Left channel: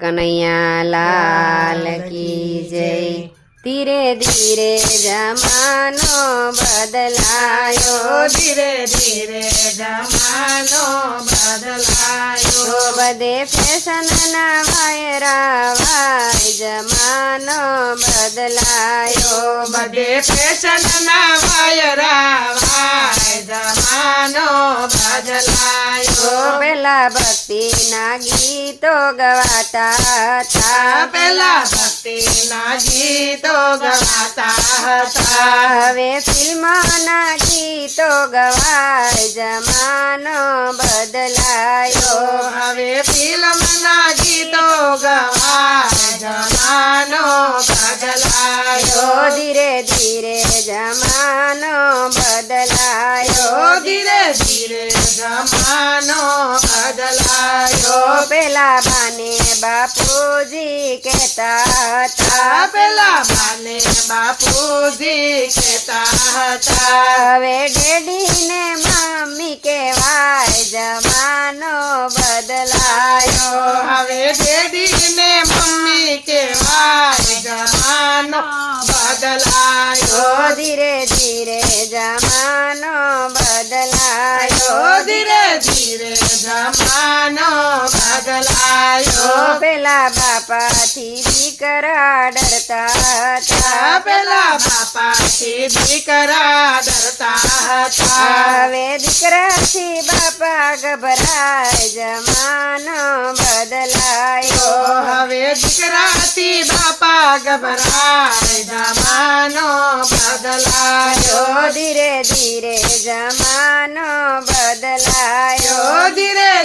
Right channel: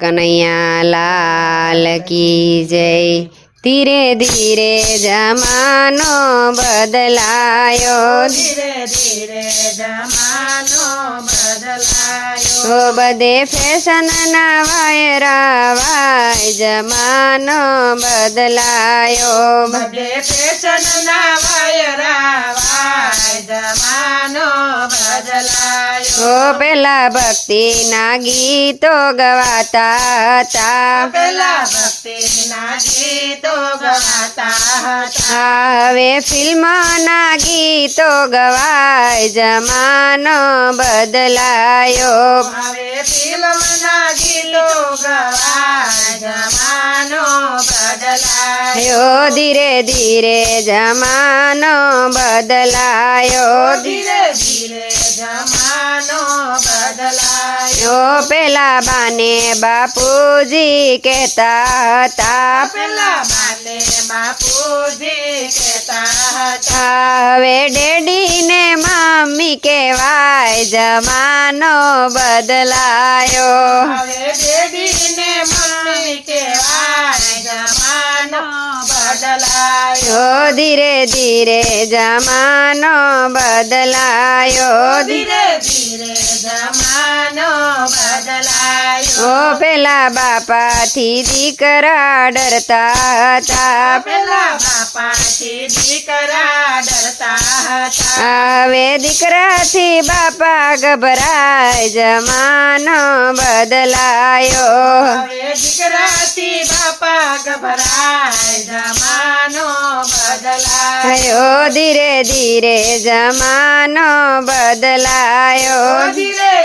કનૈયા લાલ કી જય. ધીરે ધીરે જમાનો બદલાયો. ધીરે ધીરે જમાનો બદલાયો. બધે ફેશન ના વાયરાવાય જમાનો બદલાયો. બધે ફેશન ના વાયરા ઓ પેલા ભક્તિના ગીતો ગવાતા હતા પેલા ભક્તિ ના ગીતો ગવાતા હતા હવે ફિલ્મના ગીતો ગવાય જમાનો બદલાયો હવે ફિલ્મ ધીરે ધીરે જમાનો બદલાયો ધીરે ધીરે જમાનો બદલાયો યો પેલા બાને બાપુજી કહેતા હતા પેલા બાને બાપુજી કહેતા હતા હવે ડેડી ને મમ્મી કહેવાય જમાનો બદલાયો હવે ડેડી બદલાયો. ધીરે ધીરે જમાનો બદલાયો. ધીરે ધીરે જમાનો બદલાયો ઓ પેલા બાપાથી દીકરા ડરતા હતા પેલા બાપાથી દીકરા ડરતા હતા હવે દીકરાથી બાપા ગભરાય જમાનો બદલાયો હવે દીકરાથી બાપા ગભરાય જમાનો બદલાયો આયો ધીરે ધીરે જમાનો બદલાયો ધીરે ધીરે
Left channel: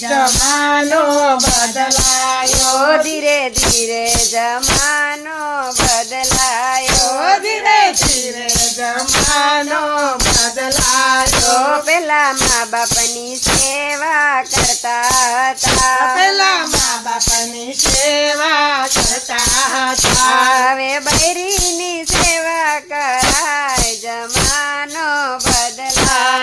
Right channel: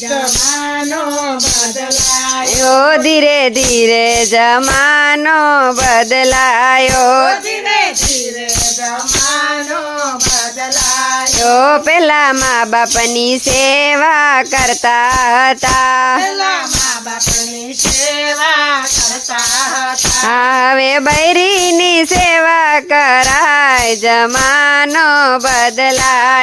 જમાનો બદલાયો. ધીરે ધીરે જમાનો બદલાયો. ધીરે ધીરે જમાનો બદલાયો. પેલા મા બાપની સેવા કરતા હતા. પેલા મા બાપની સેવા કરતા હતા. હવે બૈરીની સેવા કરાય. જમાનો બદલાયો.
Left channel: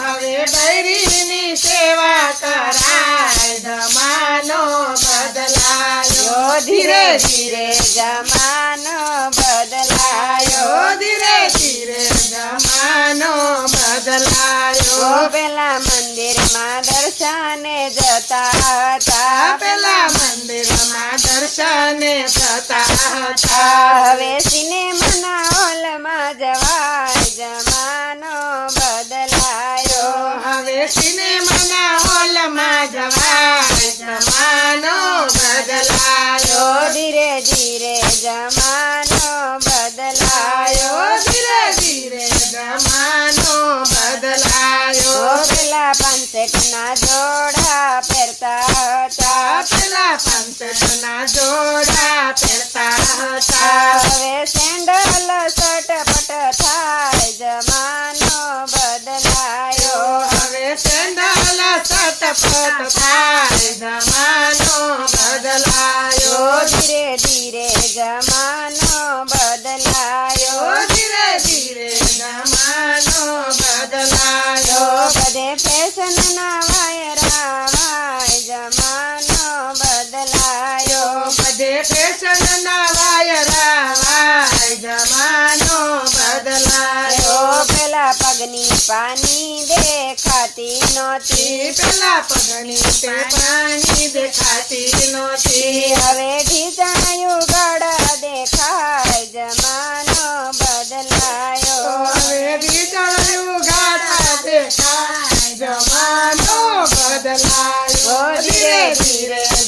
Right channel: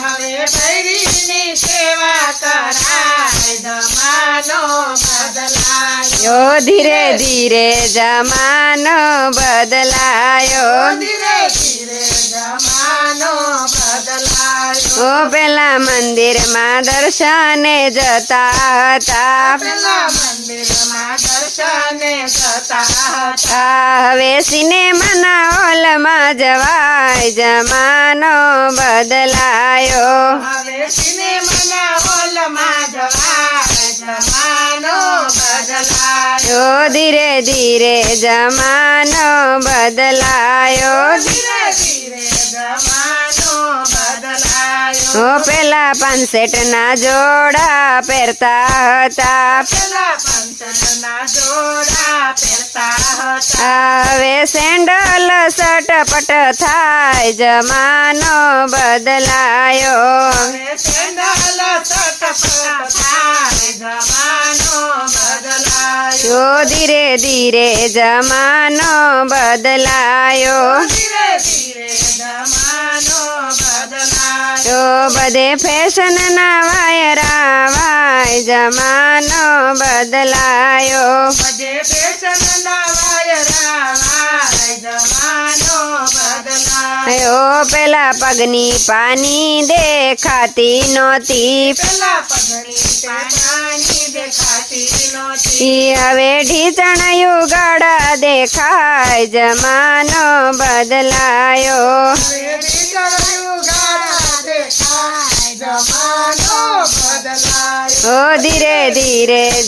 હવે બૈરીની સેવા કરાય જમાનો બદલાયો. ધીરે ધીરે જમાનો બદલાયો. ધીરે ધીરે જમાનો બદલાયો. ઓ પેલા મંદિરમાં દર્શને જતા હતા પેલા મંદિરમાં દર્શને જતા હતા હવે સિનેમાના હોલમાં જવાય જમાનો બદલાયો હવે સિનેમાના હોલમાં જવાય જમાનો બદલાયો યો ધીરે ધીરે જમાનો બદલાયો ધીરે ધીરે જમાનો પેલા પંસેટના જોડા પહેરતા હતા પેલા પંચના જોડા પહેરતા હતા હવે સેન્ડલ સટપટ થાય જમાનો બદલાયો હવે સેન્ડલ સટપટ થાય જમાનો બદલાયો યો ધીરે ધીરે જમાનો બદલાયો ધીરે ધીરે જમાનો બદલાયો ફેશન નવાય રાવાય જમાનો બદલાયો આજે ફેશન નવાય પેલા પગની પાની દેખાતી નહોતી પેલા પગની પાની દેખાતી નહોતી હવે ઢીચણ યુગળ દેખાય જમા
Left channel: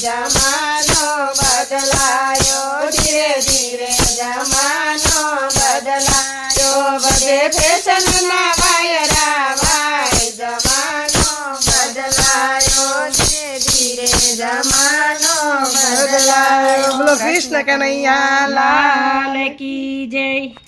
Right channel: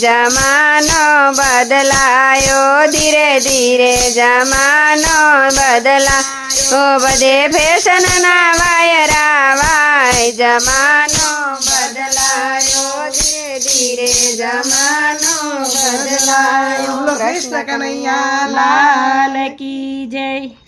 જમાનો બદલાયો. ધીરે ધીરે જમાનો બદલાયો. બધે ફેશનના વાયરા વાય. જમાનો બદલાયો. ધીરે ધીરે જમાનો બદલાયો. કૃષ્ણ કનૈયા, લાલ કી જય.